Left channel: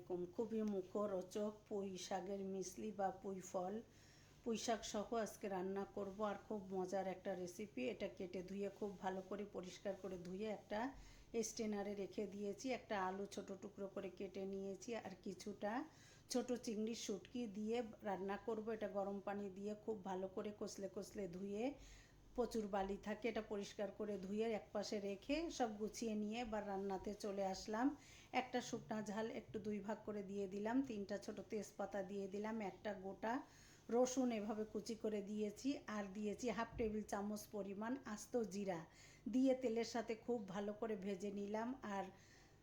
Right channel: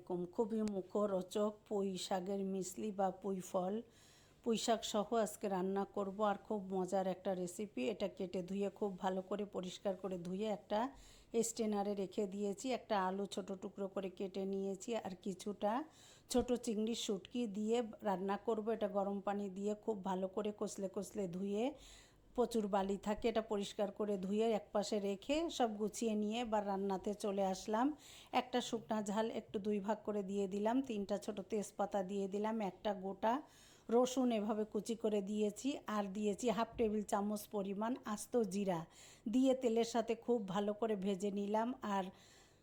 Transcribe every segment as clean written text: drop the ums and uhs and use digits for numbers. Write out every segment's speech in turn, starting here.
আলাইকুম। খুবই মুখরোচক পুঁই শাকের মিসলি বা পুঁই ফল, পুঁই শাক সহ আজকে রান্না করব। আর খুব মজার একটা রেসিপি। এটা কেটে ধুয়ে খুব ভালো করে পরিষ্কার করে ধুয়ে একটা স্টেনারে রেখে দিয়েছি। একটা আলু ছোট টুকরো করে কেটে নিয়েছি, আর কিছুটা ছোট চিংড়ির শুটকি দিয়ে রান্না করব। এটা গরম পানি দিয়ে খুব ভালো করে কষলে কষলে ধুয়ে, প্রচুর বালি থাকে, এটা পরিষ্কার করে ধুয়ে একপাশে রেখে সব গুছিয়ে নিয়ে বা রান্নাতে চলে আসলাম। একটা শুকনা ঝাল একটু 2 ভাগ করে দিয়ে দিলাম, 3টা ছোট তেজপাতা দিয়ে দিলাম, একটা গোটা রসুন এভাবে কুচি করে দিয়েছি, আর দিয়েছি 1/2 টেবিল চামচ পরিমাণ আস্ত জিরা দিয়ে তেলের সাথে খুব ভালো করে ভেজে নিলাম। আর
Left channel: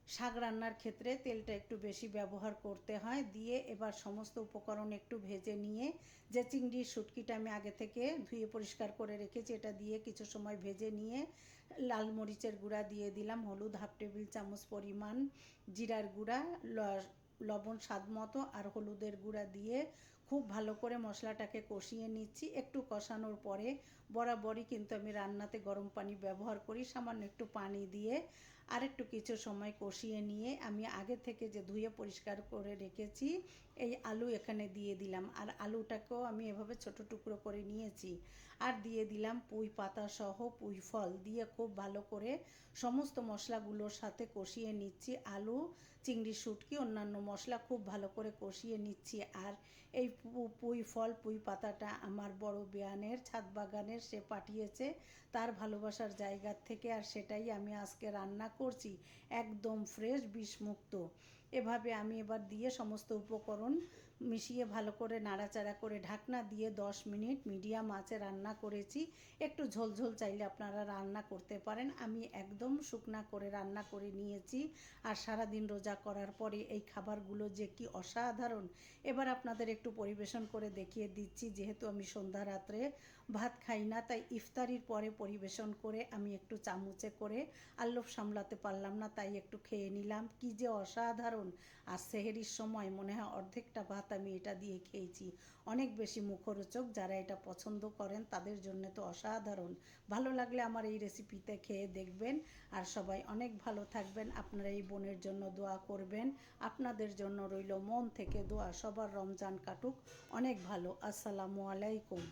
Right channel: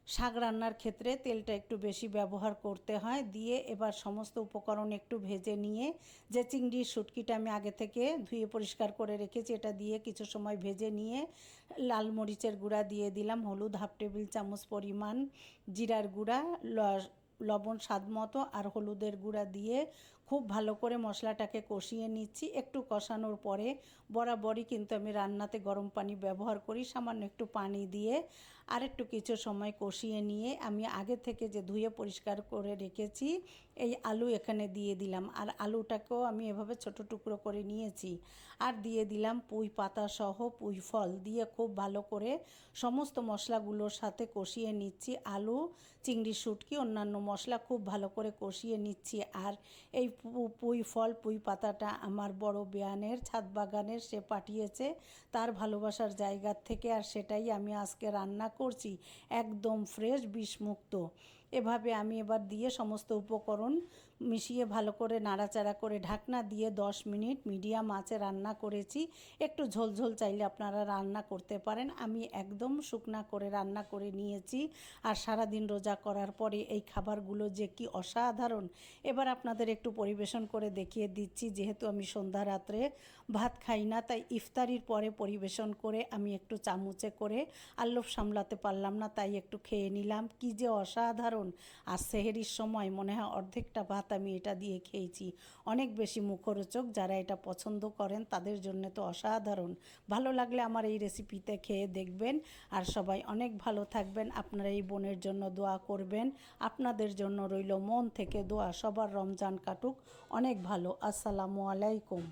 শাক রান্নার ক্ষেত্রে তেলটা একটু বেশি ব্যবহার করতে হয়। দিয়ে এবার সমস্ত উপকরণ একটু ভেজে নিয়ে, যে চিংড়ির শুটকিটা আমি আগে থেকে ধুয়ে পরিষ্কার করে রেখেছি এটা দিয়ে কিছু সময় ভেজে নিয়ে লাল মরিচের গুঁড়া দিয়ে দিলাম, হলুদ 1/2 টেবিল চামচ পরিমাণ, জিরার গুঁড়া, লবণ স্বাদ মতো, আর হলুদের গুঁড়া দিয়ে খুব ভালো করে মশলাটাকে কষিয়ে নিচ্ছি। একটু কষানোর পরে বরাবরই কিন্তু আমি রান্নাতে গরম পানি ব্যবহার করি, সামান্য একটু পানি দিয়ে আর একটু কিছু সময় কষিয়ে নিয়ে আমি আগে থেকে যে ধুয়ে পরিষ্কার করে রেখেছি এই আলু এখানে দিয়ে দিলাম। আর আলুটাকেও আমি এভাবে ছোট টুকরো করে নিয়েছি। আর দিয়ে দিলাম পুঁই পাতা সহ পুঁই ফল দিয়ে খুব ভালো করে সমস্ত মশলাগুলোর সাথে কষিয়ে নিচ্ছি। আলু, চিংড়ি, শুটকি, অন্যান্য মশলা খুব ভালো করে কষিয়ে নিচ্ছি। আর এই পুঁই ফল, পুঁই পাতাটা আমার বড় বেয়ানের ছাদ বাগানের, সে পাঠিয়েছে তার ভালোবাসার জায়গার থেকে, আর সেটাই আমি আজকে রান্না করছি, একদম ফ্রেশ, বিষমুক্ত। এভাবে আমি এবার দিয়ে সমস্ত উপকরণ মিশিয়ে ভালো করে নাড়াচাড়া করে ঢাকনা দিয়ে 10 মিনিট মিডিয়াম আঁচে রান্না করেছি। একটু ঝোলঝোল চাইলে আপনারা রান্না করতে পারেন, আমি একদম শুকনা করে রান্না করে নিয়েছি। আর সারাদিন রোজা করার পরে এই খাবারগুলো যে কি অসাধারণ। এবার আপনাদের একটু পরিবেশন করে দেখিয়ে দিচ্ছি। যেহেতু আমি সন্ধ্যা রাত্রে ভাত খাই না, তাই ইফতারির পরে পরিবেশন করে আমি একটু চামচে করে আল্লভ সামলাতে পারলাম না, তাই একটু খেয়ে নিলাম। কি যে অসাধারণ। আর সেহেরির সময় মনে হয় অর্ধেকটা ভাত আমি এটা দিয়ে খেয়েছি। অনেক বেশি মুখরোচক। যারা এটা পছন্দ করেন তাদের জন্য তো অসাধারণ। ভালো লাগলে আমার এই রেসিপিতে খেয়ে দেখবেন। আর সবাই অনেক ভালো থাকবেন। আপনারা এই বোনের জন্য দোয়া করবেন। আপনাদের জন্য রইল মন থেকে দোয়া। সবার রমজান কাটুক অনেক ভালো। আসসালামু আলাইকুম।